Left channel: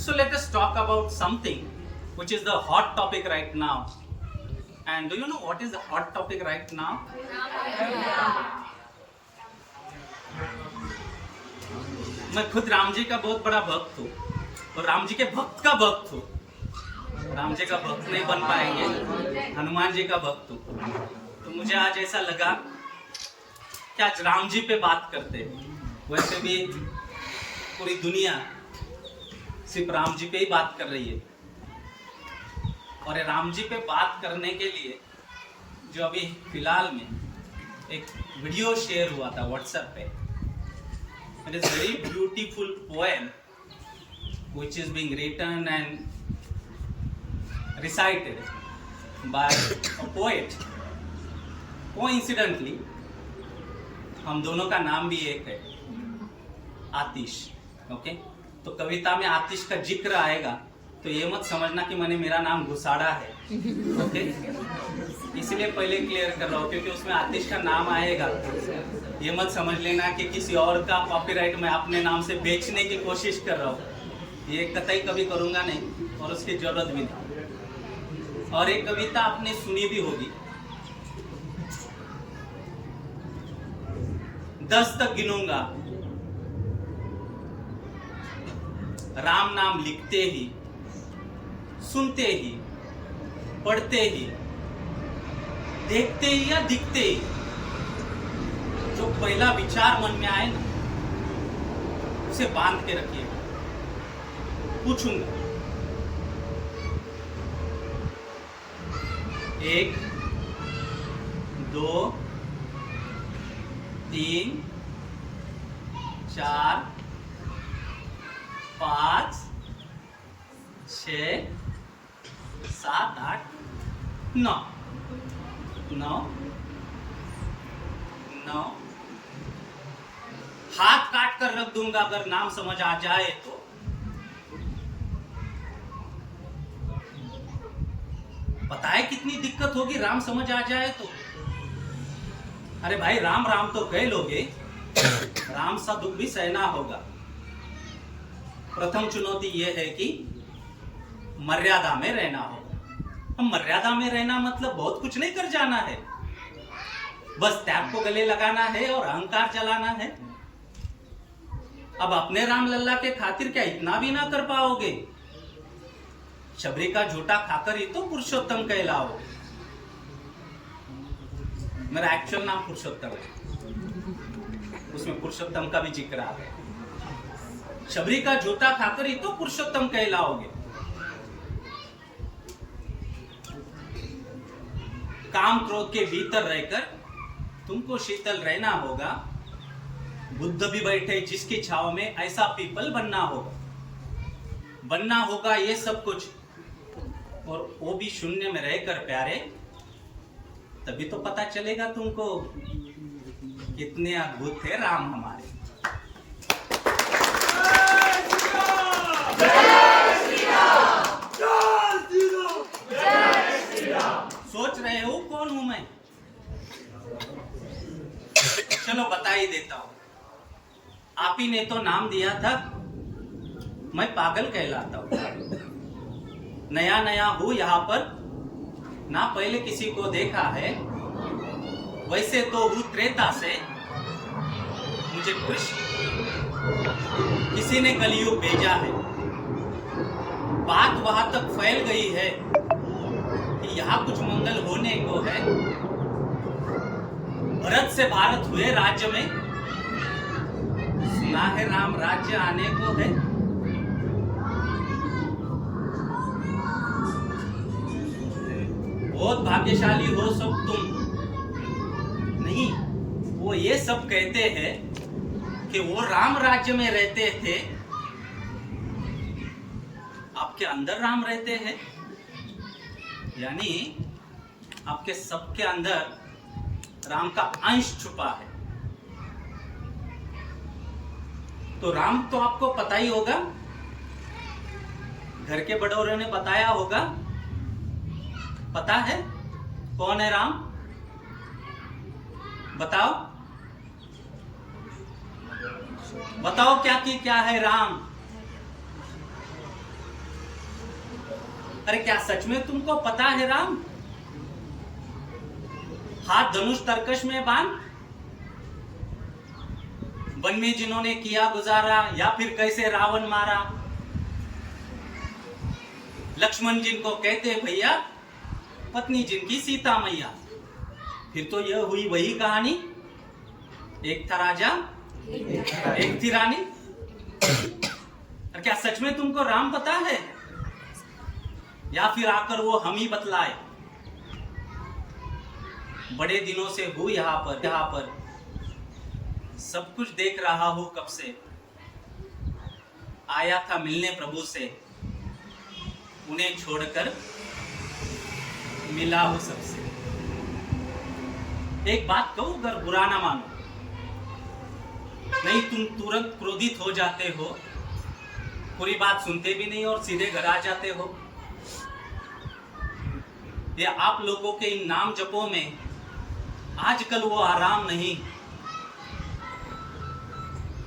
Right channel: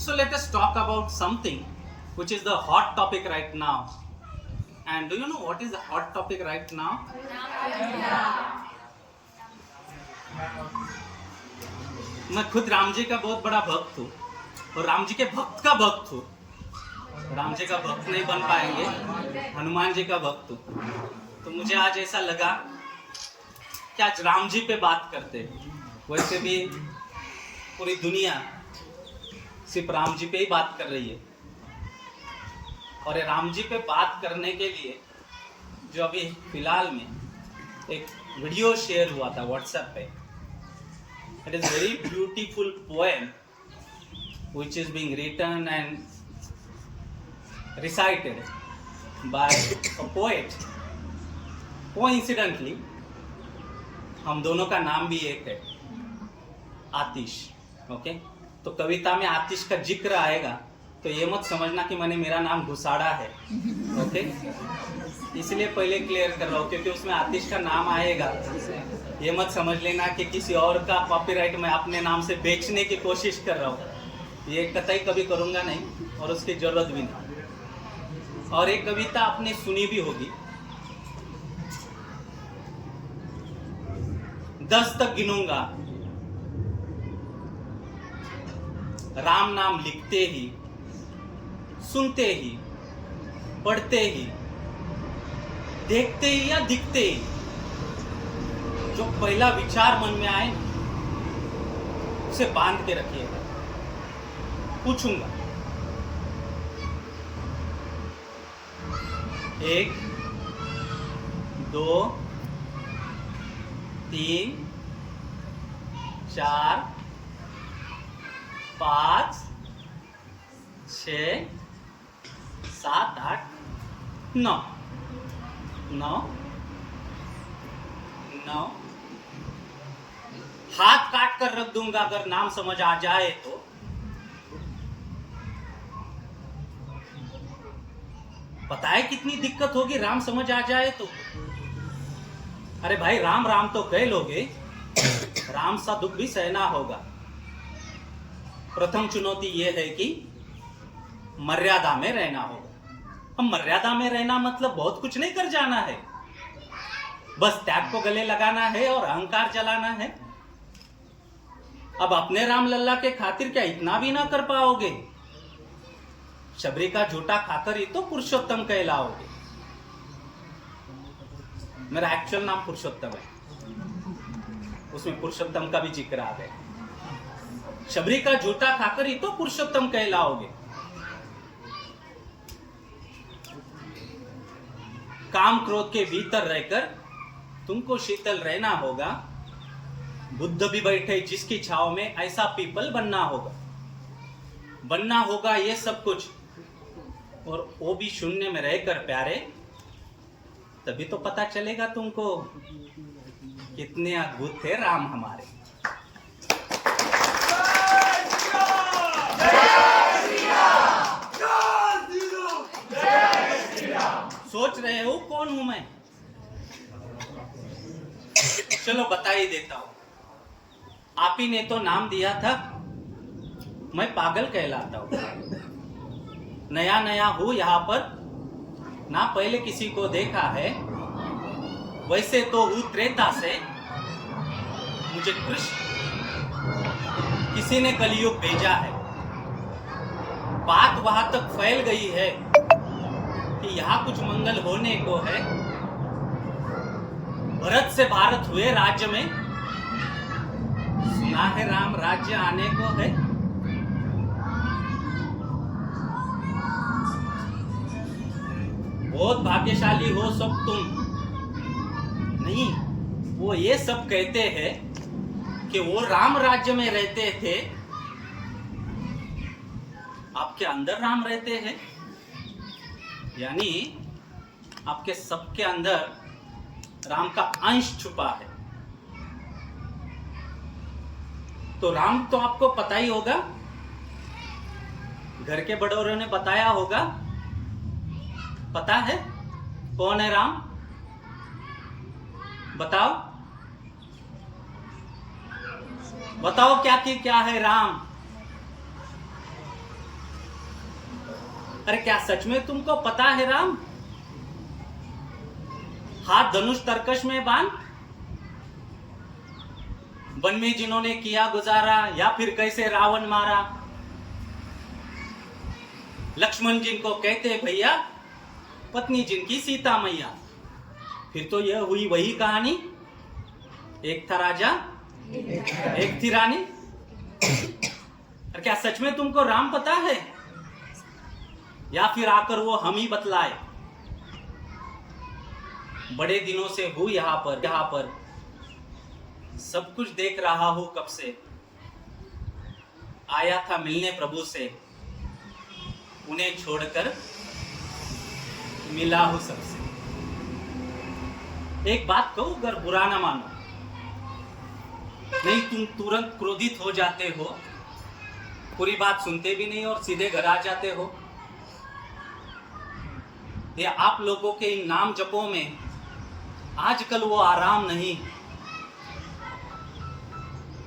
So let us talk about something which is the hot topic right now. And do you know what is the hot topic right now? मैं खुद राम जी का बहुत बड़ा भक्त हूँ और राम जी के भक्त का भक्त हूँ। राम जी का भक्त नहीं बन पाएंगे, हनुमान जी का भक्त हूँ। तो मुझे आज ऐसा लगा कि आज राम जी पे बात करते हैं। वैसे भी पूरी दुनिया सिर्फ राम जी पे ही बात कर रही है और ये राम जी पे बात करने के लिए जो अभी फिलहाल में एक वीडियो शेयर हुआ था व्हाट्सएप पे। It is very beautiful poem which is being written and recited by a poet. Coincidentally, हम दोनों का नाम भी एक है, आतिश। ओके, तो कविता में आतिश का जिक्र आएगा तो ये मत समझना कि मैंने मेरा नाम घुसाड़ा है। ओके, इसलिए पहले क्लियर कर रहा हूँ क्योंकि उसमें आतिश का नाम आएगा। ये मत समझ लेना कि किसी और का कॉपीराइट मैं अपने नाम से बेचने की कोशिश कर रहा हूँ। ये कतई कभी करूंगा नहीं और उसकी जरूरत भी नहीं। और एक कविता आपने सुनी भी होगी। 10 तक गिनूंगा, राम नाम लिखते ही, सुनते ही, पढ़ते ही, देखते ही या दिखते ही, जो पहला विचार मन में आए उसे बांध के रखिए। पूछूंगा, 1 2 3 4 5 6 7 8 9 हाथ काट कर रख दूंगा अगर नाम समझ आ जाए तो। पता है कितनी दिक्कत होगी राम समझ आ जाए तो। अरे भाई राम राम तो कह लोगे, राम सा दुख भी सहना होगा। प्रथम चुनौती यह है कि मर्यादा में रहना होगा। अब मर्यादा में रहना मतलब बहुत कुछ नहीं कर जाना है, बस त्याग को गले लगाना है और अहंकार जलाना है। अब अपने राम लल्ला के खातिर क्या इतना भी ना कर पाओगे? शबरी का झूठा खाकर ही तो पुरुषोत्तम कहलाओगे। मेरा एक्चुअल नाम पुरुषोत्तम है, उसमें पुरुषोत्तम का भी जिक्र आ गया। शबरी का झूठा खाकर ही तो पुरुषोत्तम कहलाओगे। काम क्रोध के भीतर रहकर तुमको शीतल रहना होगा। बुद्ध भी बैठे जिसकी छाव में, ऐसा पीपल बनना होगा ये सब कुछ, और वो भी शून्य में रहकर प्यारे। तभी तो पता चलेगा तुमको कितने अद्भुत थे राम हमारे। सोच रहे हो कौन हूं मैं? चलो बता ही देता हूं। आप ही ने तो नाम दिया था, मैं पागल कहलाता हूं। नया हूं यहां पर, ना पहले किसी को देखा है। वैसे तो हूं त्रेता से, मुझे कृष्ण किसी ने कलयुग भेजा है। बात वहां तक फैल गई है कि यहाँ कुछ मंगल होने को है। भरत से भारत हुए राज्य में, सुना है राम राज्य आने को है। बहुत भाग्यशाली हो सब तुम। नहीं, वो ये सब कहते हैं कि वो राम राज्य में रहते थे। आपके अंदर राम रहते हैं, यानी आपके सबके अंदर राम का अंश छुपा है। तो राम तो आपको पता ही होगा, घर के बड़ों ने बताया होगा। पता है कौन है राम? बताओ बताओ क्या है राम? अरे क्या सच में तुमको पता है राम? हाथ धनुष तरकश में बांध, वन में जिन्होंने किया गुजारा, या फिर कैसे रावण मारा, लक्ष्मण जिनको कहते भैया, पत्नी जिनकी सीता मैया। फिर तो यह हुई वही कहानी, एक था राजा एक थी रानी। और क्या सच में तुमको राम पता है, या फिर आकर वो हम ही बतलाए? बड़े दिनों से हूं यहाँ पर सब कुछ देख रहा हूं कब से, आया था मिलने प्रभु से, उन्हें छोड़कर मिला हूं सबसे। एक बात कहूं, अगर बुरा ना मानो, नहीं तुम तुरंत क्रोधित हो जाते हो, पूरी बात सुनते भी नहीं और सीधे घर आ जाते हो। ये आप लोगों के इन नाम जपों में आजकल वो आराम नहीं।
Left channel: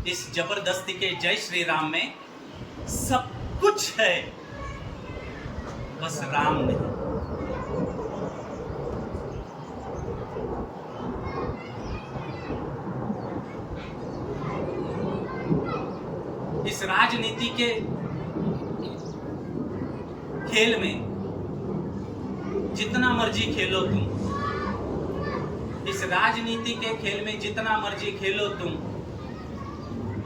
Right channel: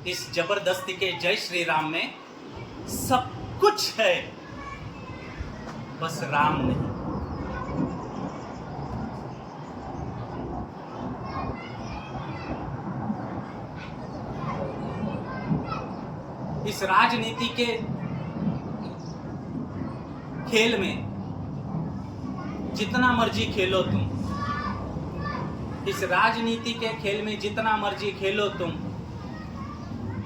इस जबरदस्ती के जय श्री राम में सब कुछ है, बस राम नहीं। इस राजनीति के खेल में जितना मर्जी खेलो तुम, इस राजनीति के खेल में जितना मर्जी खेलो तुम,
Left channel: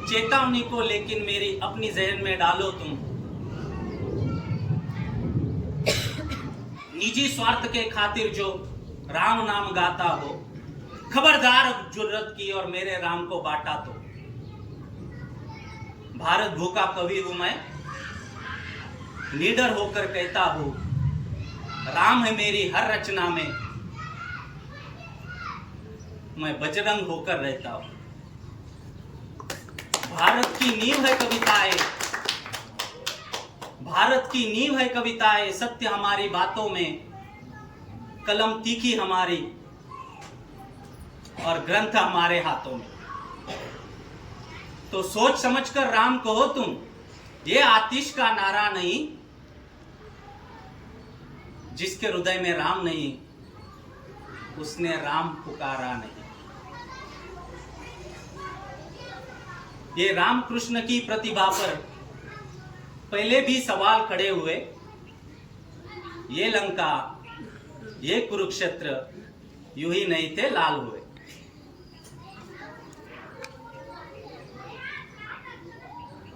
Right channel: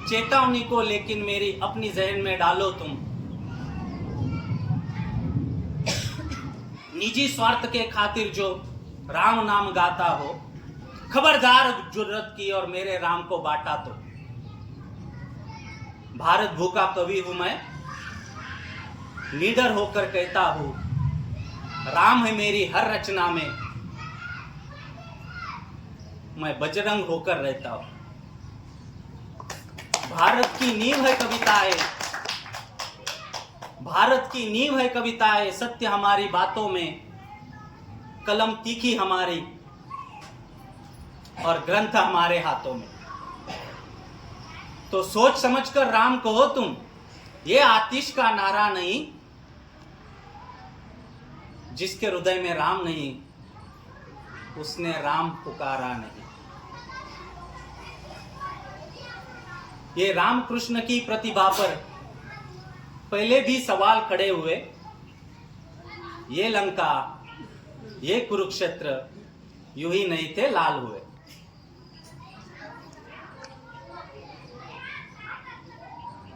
चेतावनी को लेकिन मेरी अपनी जहन में डालो तुम। निजी स्वार्थ के खातिर जो राम नाम गाता हो, खबरदार जुर्रत की और मेरे राम को बांटा तो। भारत भू का कवि हूं मैं, लीडर होकर कहता हूं, राम है मेरी हर रचना में, मैं बजरंग होकर रहता हूं। भारत की नींव है कविताएं, भारत की नींव है कविताएं, सत्य हमारी बातों में, कलम तीखी हमारी और ग्रंथ हमारे हाथों में। तो सोच समझकर राम कहो तुम, ये आतिश का नारा नहीं। जिसके हृदय में राम नहीं, उसने राम पुकारा नहीं। ये राम कृष्ण की प्रतिभा पर पहले भी सवाल खड़े हुए। ये लंका, ये कुरुक्षेत्र यूं ही नहीं थे लाल हुए।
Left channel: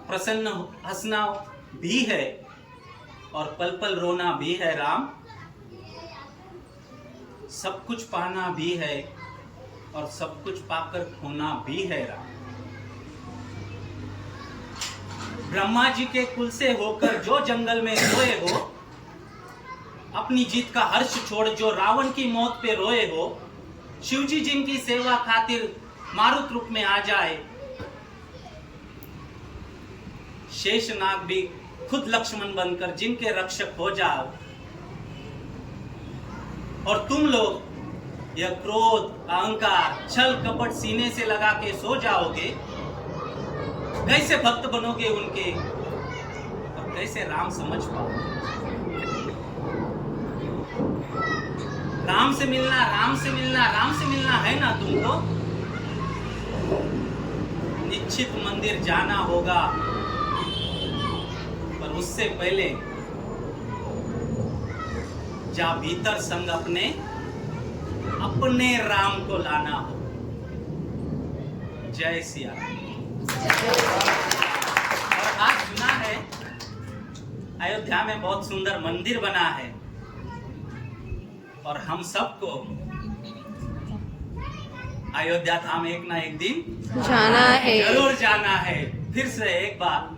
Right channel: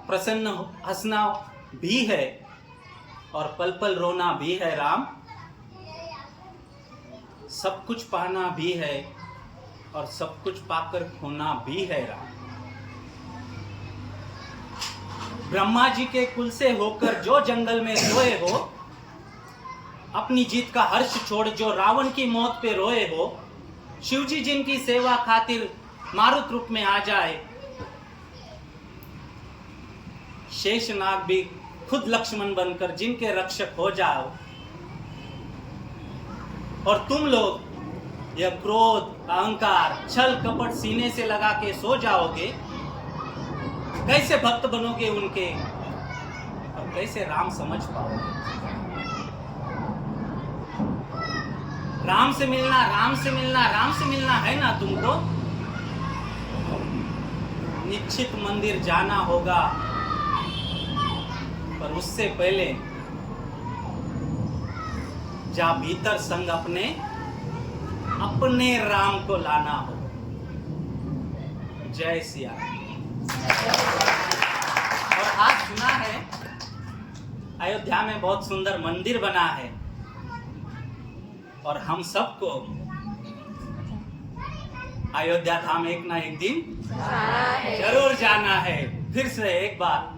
प्रसन्न हंसना भी है और पल पल रोना भी है राम, सब कुछ पाना भी है और सब कुछ पाकर खोना भी है राम। ब्रह्मा जी के कुल से होकर जो जंगल में सोए हो, अपनी जीत का हर्ष छोड़ जो रावण की मौत पे रोए हो, शिव जी जिनकी सेवा खातिर मारुत रूप में आ जाए, शेषनाग भी खुद लक्ष्मण बनकर जिनके रक्षक हो जाओ, और तुम लोग यह क्रोध, अहंकार, छल कपट सीने से लगा के सो जाओगे, कैसे भक्त बनोगे उनके और कैसे राम समझ पाओगे? राम से मिलना, राम से मिलना, राम से मिलना है ना तुमको? निश्चित मंदिर जाना होगा, पर उससे पहले जा भीतर संग अपने राम को लाना हो। जय सिया राम। और आज सुना है अयोध्या में बहुत सुंदर मंदिर बना है, और हम सबको अयोध्या धाम एक ना एक दिन जाना है, जरूर जाना है। फिर से एक बार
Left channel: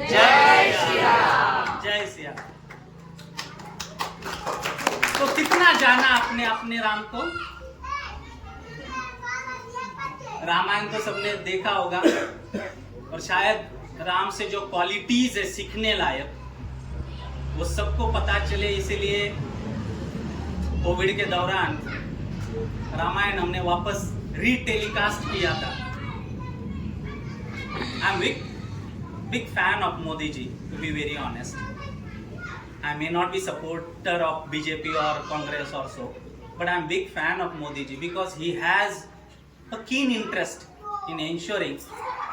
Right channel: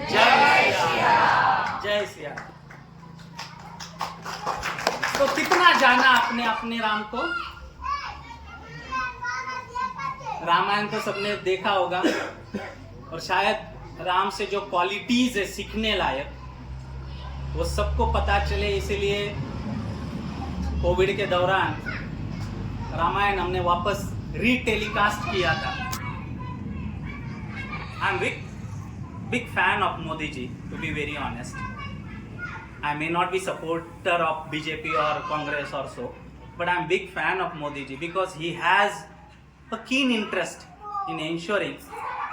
जय सिया, जय सिया। तो कितना जाना अपने अपने राम को? रामायण तो सबने देखा होगा, और शायद राम से जो क्वालिटीज है सीखने लायक, वो सबको पता चले। इसीलिए कोविड के दौरान रामायण हमने वापस रीटेलीकास्ट किया था। I am big fan of Modi ji, to be very honest. I may not be supporter of BJP or Congress or so, but I'm big fan of Modi ji because he has a keen interest in ensuring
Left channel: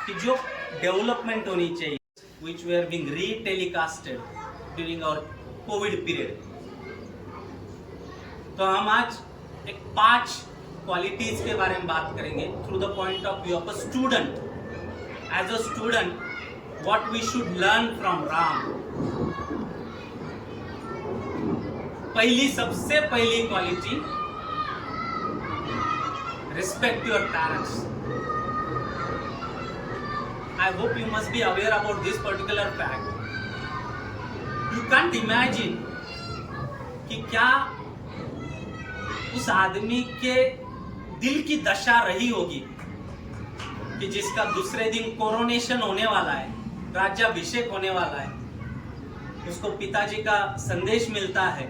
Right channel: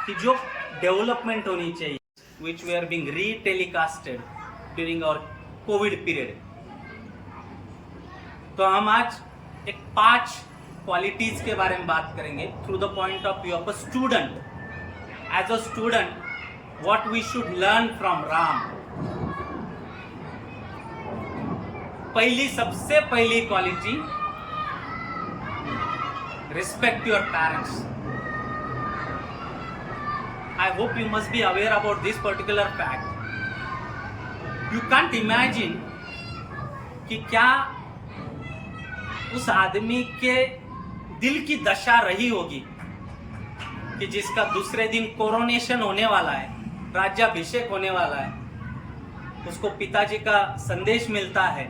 कि जो development होनी चाहिए, which were being re-telecasted during our COVID period. तो हम आज एक 5 qualities के बारे में बात करेंगे through the point of view of a student. As a student what we should learn from Ram. सबसे पहली quality, respect your parents. I hope you must be aware about this particular fact. You can't imagine कि क्या उस आदमी के दिल की दशा रही होगी कि जिसका दूसरे दिन कोरोनेशन होने वाला है, राज्याभिषेक होने वाला है, उसको पिताजी का संदेश मिलता है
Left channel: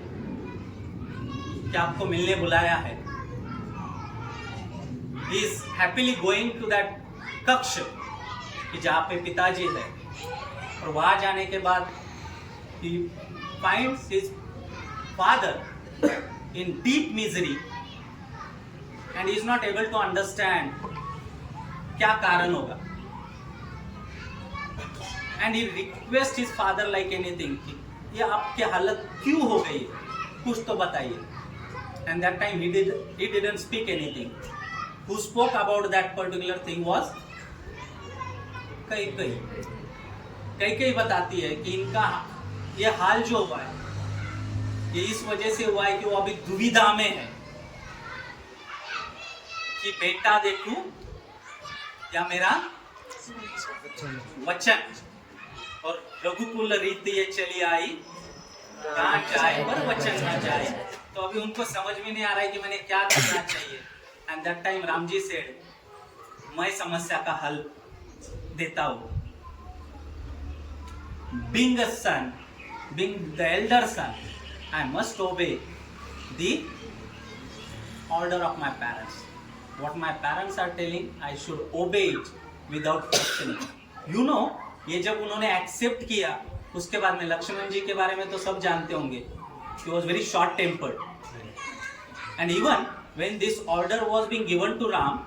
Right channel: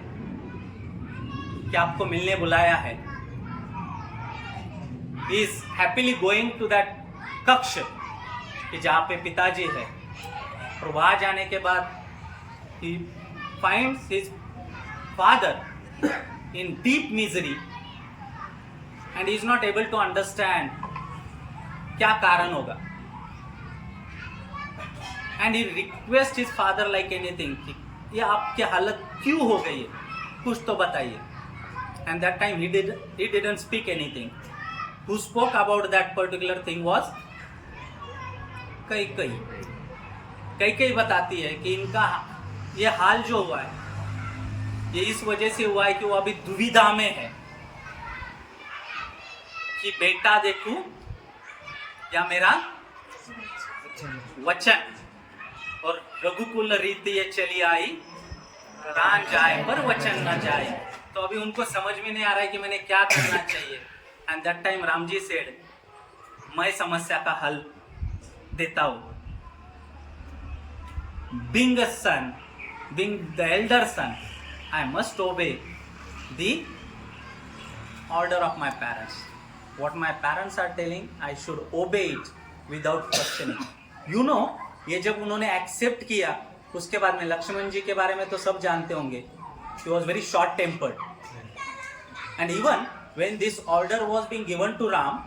कि आपको मिलने बुलाया है. He is happily going to that कक्ष कि जहाँ पे पिताजी है, और वहां जाने के बाद he finds his father in deep misery and he is not able to understand क्या कारण होगा. And he requests his father like anything कि ये आपकी हालत क्यों हो गई है, कुछ तो बताइए. And that time he didn't speak anything. Who spoke about that particular thing was कई बताती है कि इनका ये हाल जो हुआ है ये इस वजह से हुआ है कि वो अभी दुविधा में है कि बेटा देखूं या मेरा वचन. और रघुकुल रीति ये चली आई, प्राण जाए पर वचन न जाए. तो अभी उनको समझ में नहीं आ रहा है कि मैंने क्या करना चाहिए. And that time Ram ji said, मैं समस्या का हल देता हूं. Being a son, being the elder son, I must obey the order of my parents. What my parents are telling, I should obey it without questioning. You know, ये जब उन्होंने accept किया, उसके बाद में लक्ष्मण जी के बारे में तो सब जानते होंगे. He was very short tempered. And even when this order was being given to Ram,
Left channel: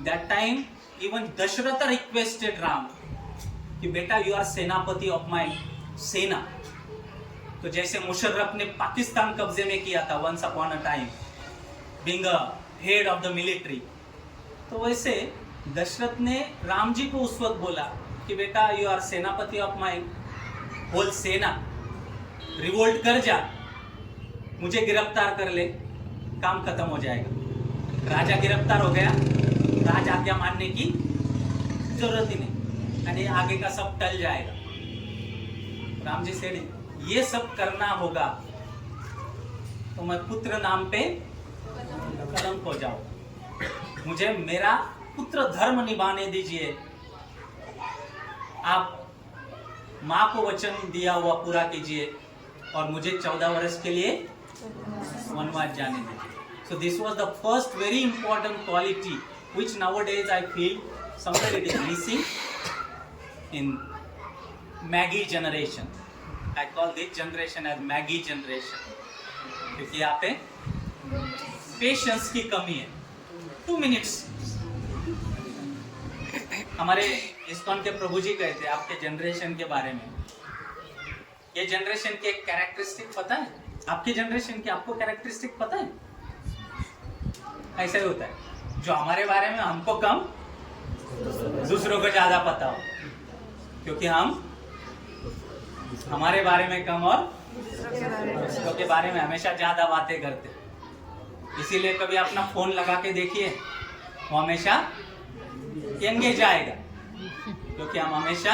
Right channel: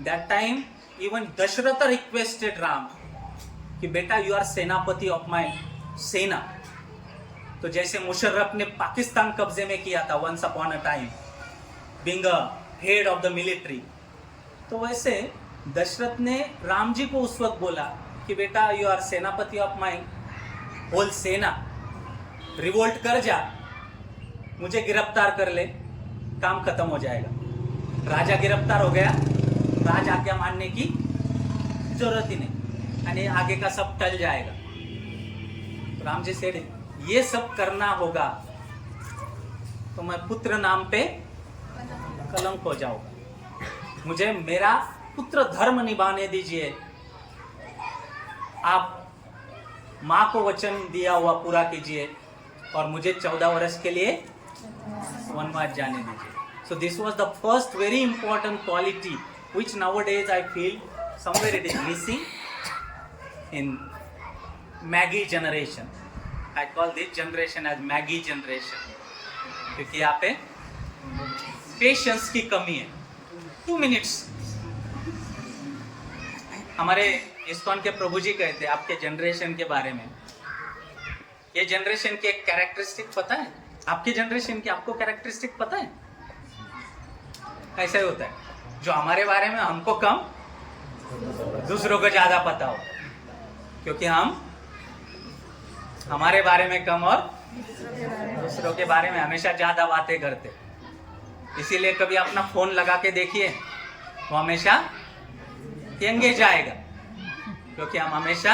that time even Dashratha requested Ram कि बेटा यू आर सेनापति ऑफ माई सेना. तो जैसे मुशर्रफ ने पाकिस्तान कब्जे में किया था once upon a time, being a head of the military, तो वैसे दशरथ ने राम जी को उस वक्त बोला कि बेटा यू आर सेनापति ऑफ माई होल सेना, रिवोल्ट कर जा, मुझे गिरफ्तार कर ले, काम खत्म हो जाएगा. राजा गिरफ्तार हो गया, राज आज्ञा मानने की जरूरत ही नहीं, यानी आगे का सब टल जाएगा. राम जी से ये सब करना होगा तो मैं पुत्र नाम पे कलंक हो जाऊं. मुझे मेरा पुत्र धर्म निभाने दीजिए. आप माँ को वचन दिया हुआ पूरा कीजिए और मुझे 14 वर्ष के लिए वनवास जाने दीजिए. So this was the first very important quality which nowadays I feel somewhere it is missing in Maggie generation. I call this generation as Maggie generation. क्योंकि यहाँ पे पेशेंस की कमी है. 2 minutes. हमारे इस्कॉन के प्रभु जी कहते हैं आपके जनरेशन के बारे में, ये जनरेशन के एक कैरेक्टरिस्टिक पता है? आपके जनरेशन की आपको कैरेक्टरिस्टिक पता है? कैसे होता है? जो हमारे बारे में हमको कम, दूसरों को ज्यादा पता हो, क्योंकि हम हमारे बारे में कम और दूसरों के बारे में हमेशा ज्यादा बातें करते. इसीलिए कभी अपना फोन लगा के देखिए, वो हमेशा एंगेज आएगा, क्योंकि हम हमेशा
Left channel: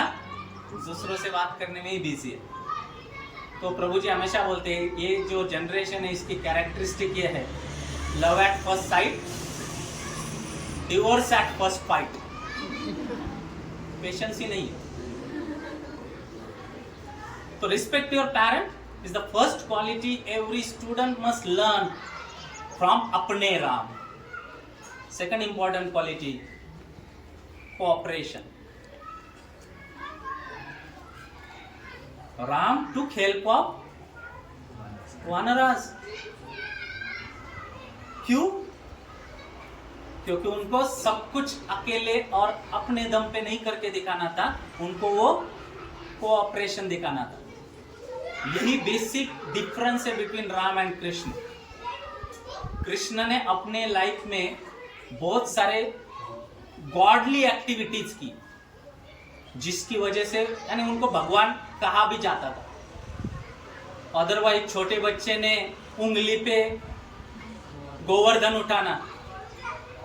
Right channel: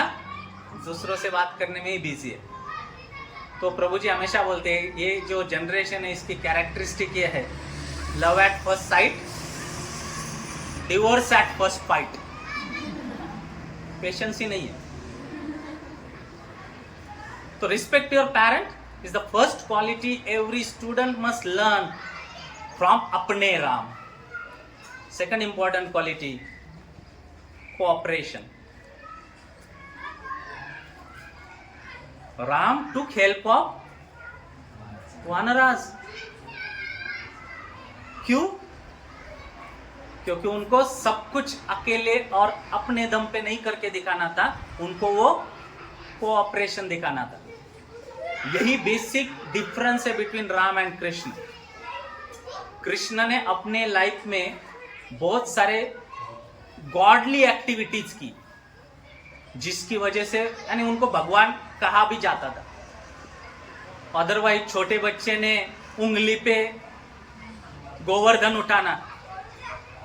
दूसरों से बात करने में ही बिजी है. तो प्रभु जी हमेशा बोलते हैं ये जो जनरेशन है इसकी कैरेक्टरिस्टिक ये है, love at first sight, divorce at first fight. Patience ही नहीं है. तो respect your parent is the first quality every student must learn from अपने Ram. Second important quality, cooperation. Ram took help of वानराज। क्यों? क्योंकि उनको सब कुछ अकेले और अपने दम पे नहीं करके दिखाना था, उनको वो कोऑपरेशन दिखाना था। यही बेसिक डिफरेंस है बिटवीन राम एंड कृष्ण। कृष्ण ने अपने लाइफ में बहुत सारे गॉडली एक्टिविटीज की, जिसकी वजह से यानी उनको भगवान कहा भी जाता था। अदरवाइज छोटे बच्चे ने उंगली पे गोवर्धन उठाना,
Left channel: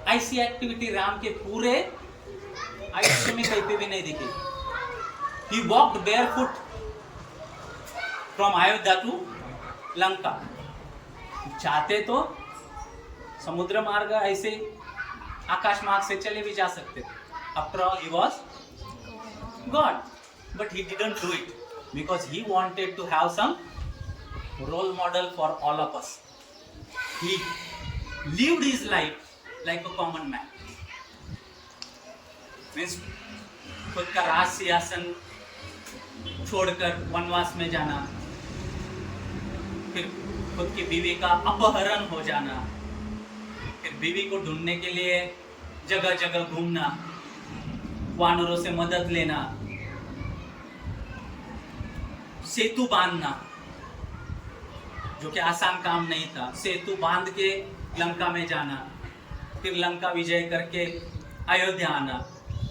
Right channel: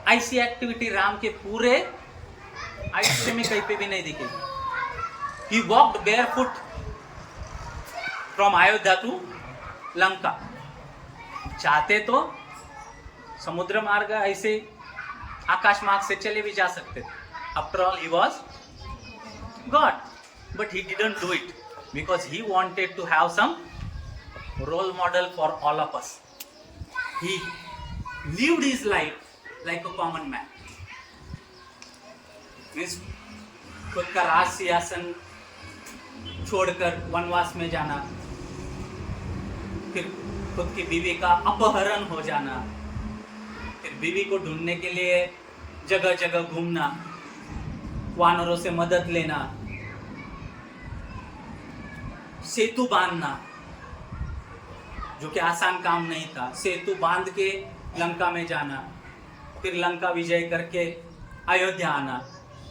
ऐसी एक्टिविटी राम के पूरे आयुष्य में कहीं पे भी नहीं दिखेगी। He walked barefoot from Ayodhya to Lanka. चाहते तो समुद्र मार्ग ऐसे आकाश मार्ग से चले भी जा सकते थे। After all he was God, but he didn't do it because he wanted to have some role model for all of us. He lived his life like a common man. Means खुद का राज सिंहासन छोड़कर वनवास में जाना, फिर खुद की बीवी का अपहरण हो जाना, फिर बीवी को ढूंढने के लिए जगह जगह घूमना, वानरों से मदद लेना, सेतु बांधना, जो कि आसान काम नहीं था। सेतु बांध के लंका में जाना, फिर लंका विजय करके अयोध्या आना।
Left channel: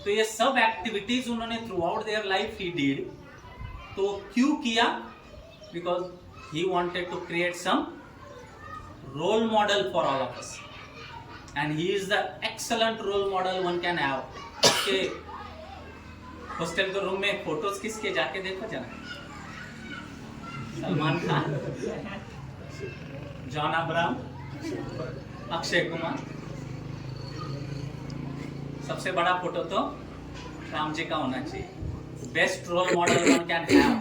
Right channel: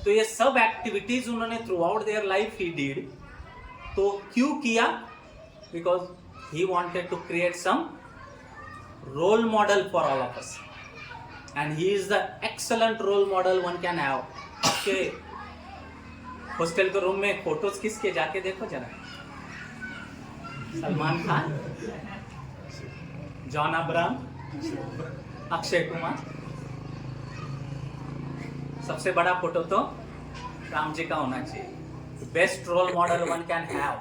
तो ये सब एक्टिविटीज उन्होंने throughout their life he did. तो क्यों किया? Because he wanted to create some role model for all of us, and he is the excellent role model one can have. के हॉस्टल के रूम में photos किसके जाके देखो जरा। सलमान खान, जॉन अब्राहम, अक्षय कुमार। सबसे बड़ा फोटो तो राम जी का होना चाहिए। Best role model one can have.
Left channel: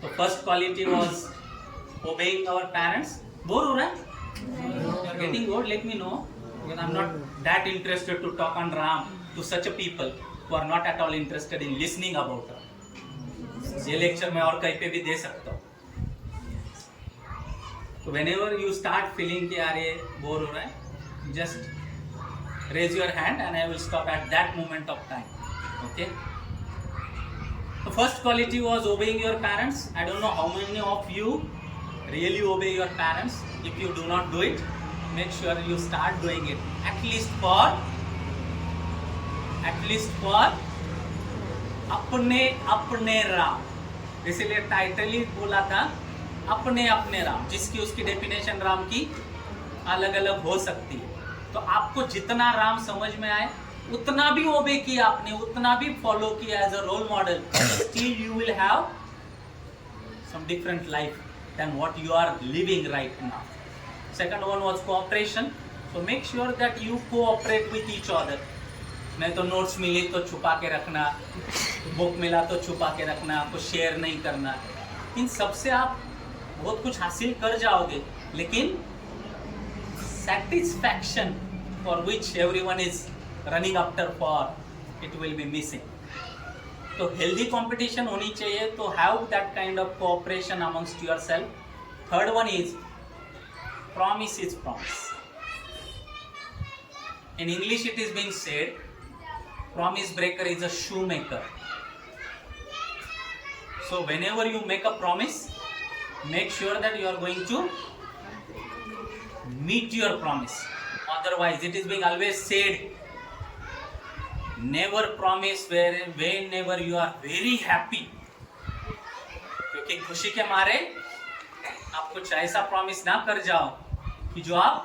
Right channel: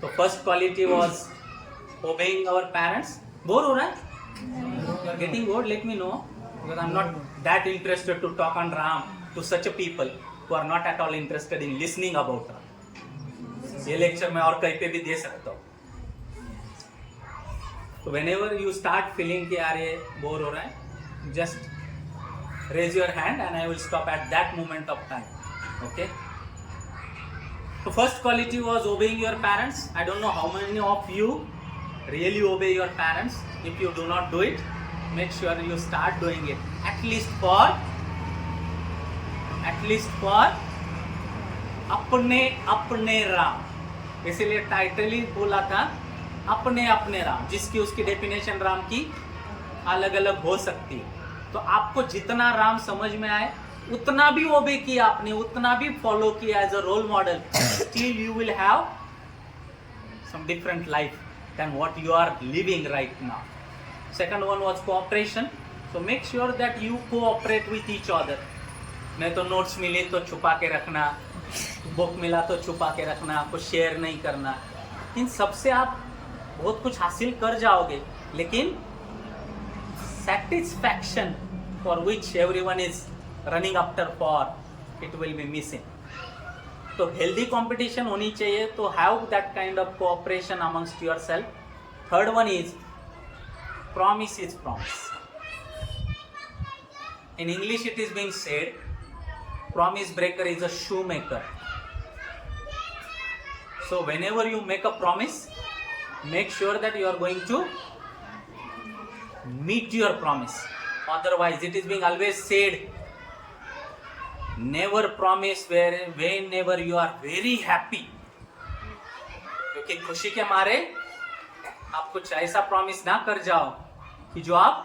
तो first quality was obeying our parents. Bore हो रहा है? Getting bored? Let me know, because I am not that interested to talk on Ram to such a people who are not at all interested in listening about Ram. ये lecture मैं और कहीं पे भी दे सकता हूँ। तो whenever you start feeling कि यार ये बोर हो रहा है, just raise your hand and I will stop at that moment of time. Okay? So first quality was obeying your parents. I don't know how many of you really obey your parents. If you do not do it, make sure you start doing it. At least for अपने राम। इसीलिए title ही बोला था अपने अपने राम, जिसकी उसकी definition Ram की अलग अलग हो सकती है। तो आपको जितना राम समझ में आए उतना भी ओबे किया आपने, उतना भी फॉलो किया as a role model, still you will have some different life than what you are living right now. Second one was cooperation. So make sure that you cooperate with each other. नहीं तो notes मिले तो छुपा के रखना, book मिला तो छुपा के रखना, कुछ शेयर नहीं करना। इन सबसे आप बहुत कुछ हासिल कर जाओगे, लेकिन satisfaction for which everyone is running after for, it will be missing. तो healthy competition होनी चाहिए, तो have that kind of cooperation amongst yourself. Third one is promise is promise. In English it is being said, promise breaker is a shoemaker. So whenever you make a promise, make sure that you are going to meet your promise. Otherwise, it is being always said, never promise whenever you are very happy. क्योंकि खुशी के मारे आप कुछ ऐसा promise ना कर जाओ कि जो आप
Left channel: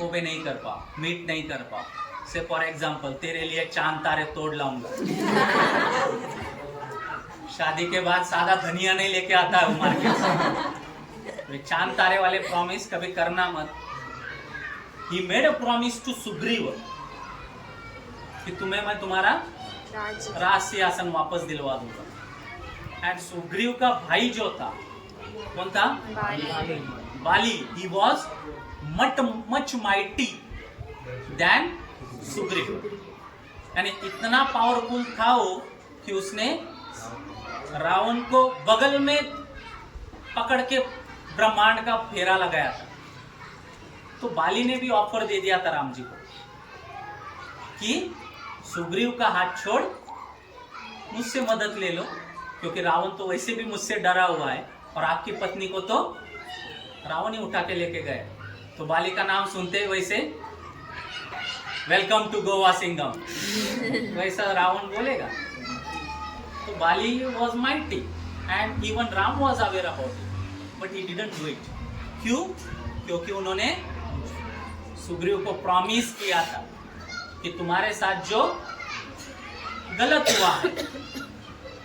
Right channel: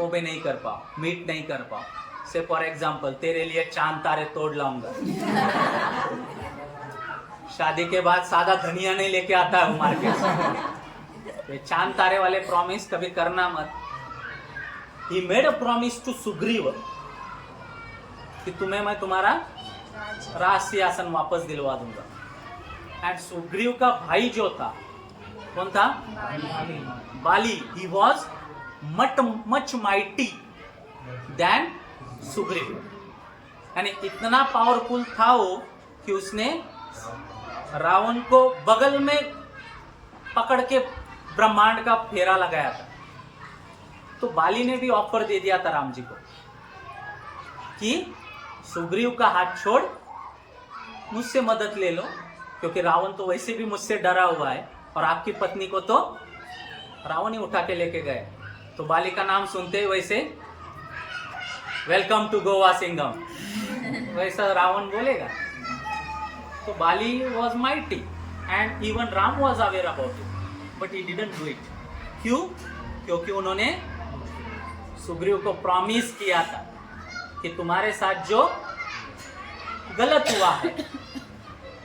ओबे नहीं कर पाओ, मीट नहीं कर पाओ। से फॉर एग्जाम्पल, तेरे लिए चांद तारे तोड़ लाऊंगा। शादी के बाद सादा धनिया नहीं लेके आता है मार्केट से। तो चांद तारे वाले प्रॉमिस कभी करना मत। He made a promise to Sugriva कि तुम्हें मैं तुम्हारा राज सिंहासन वापस दिलवा दूंगा। एंड सुग्रीव का भाई जो था, कौन था? बाली। He was much mighty than Sugriva. यानी इतना पावरफुल था वो कि उसने रावण को बगल में पकड़ के ब्रह्मांड का फेरा लगाया था। तो बाली ने भी ऑफर दे दिया था राम जी को कि सुग्रीव का हाथ छोड़, मुझसे मदद ले लो, क्योंकि रावण तो वैसे भी मुझसे डरा हुआ है और आपकी पत्नी को तो रावण ही उठा के लेके गए। तो बाली का नाम सुनते ही वैसे वेलकम टू गोवा सिंगम वैसा रावण बोलेगा। तो Bali was mighty and even Ram was aware about it, but he didn't do it. क्यों? क्योंकि उन्होंने सुग्रीव को प्रॉमिस किया था कि तुम्हारे साथ जो गलत हुआ है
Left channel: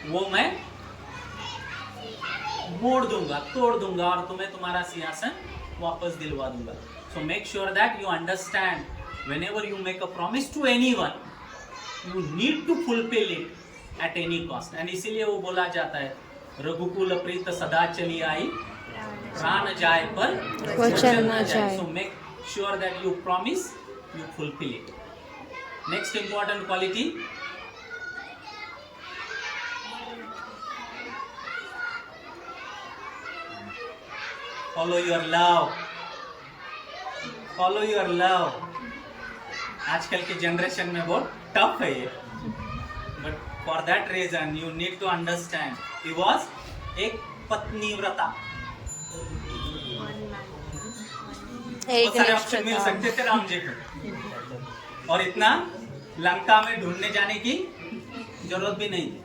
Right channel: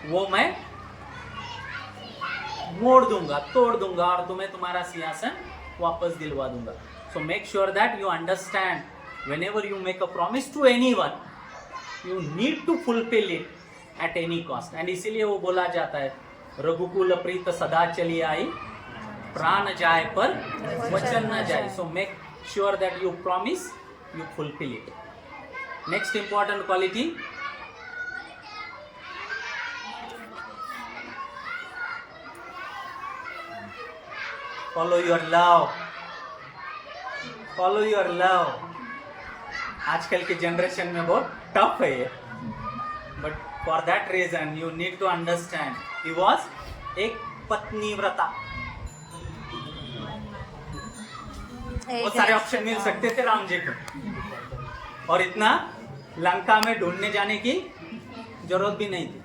वो मैं मोड़ दूंगा, तोड़ दूंगा और तुम्हें तुम्हारा सिंहासन वापस दिलवा दूंगा। सो make sure that you understand whenever you make a promise to anyone, you need to fulfill it at any cost. And इसीलिए वो बोला जाता है रघुकुल प्रीत सदा चली आई, प्राण जाए पर वचन न जाए। So make sure that you promise, you fulfill it. Next important quality, follow your love. Follow your love. आजकल के जनरेशन में बहुत टफ है ये, but for that reason you need to understand he was एक पत्नीव्रता। बहुत सारे ऑप्शन मिल सकते थे राम जी को और इतना लंका में ढूंढने जाने की जरूरत भी नहीं थी।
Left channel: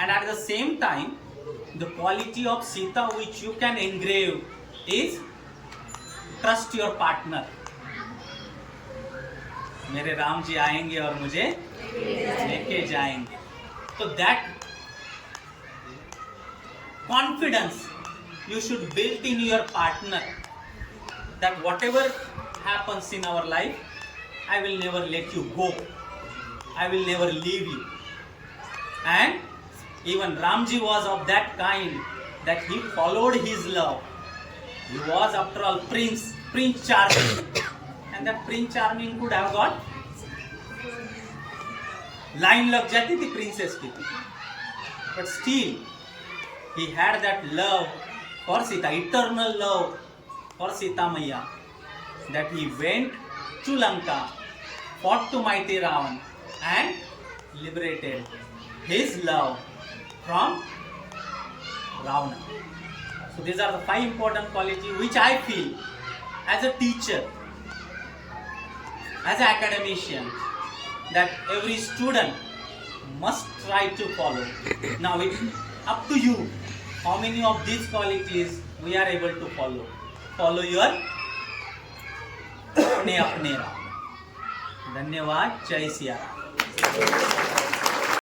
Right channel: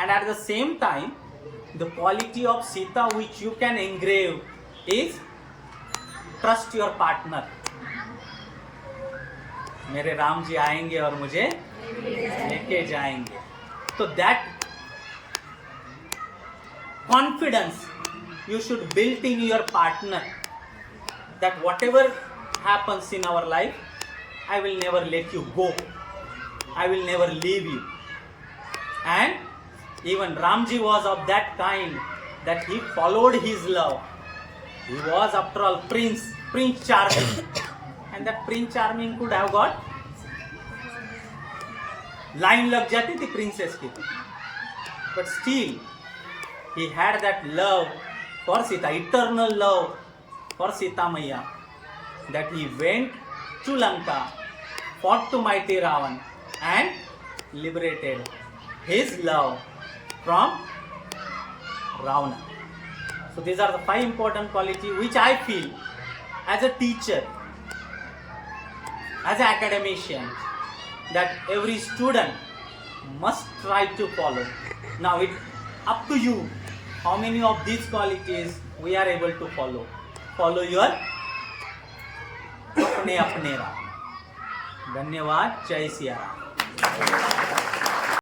And at the same time the quality of Sita which you can engrave is trust your partner. मेरे राम जी आएंगे और मुझे लेके जाएंगे। तो that confidence you should build in your partner, that whatever happens in our life, I will never let you go. I will never leave you. And even Ramji was of that kind that he followed his love. He was after all Prince Charming. And that Prince Charming could have got line लग जाती थी princess की, but still he had that love for Sita, eternal love for Sita Maiya, that he went to Lanka, fought to mighty Ravan and liberated his love from Ravana. So these are the 5 important qualities which I feel as a teacher, as an academician, that every student must try to follow. Now it's up to you how many of these qualities we are able to follow. Follow your अपने राम। धन्यवाद। जय सिया राम।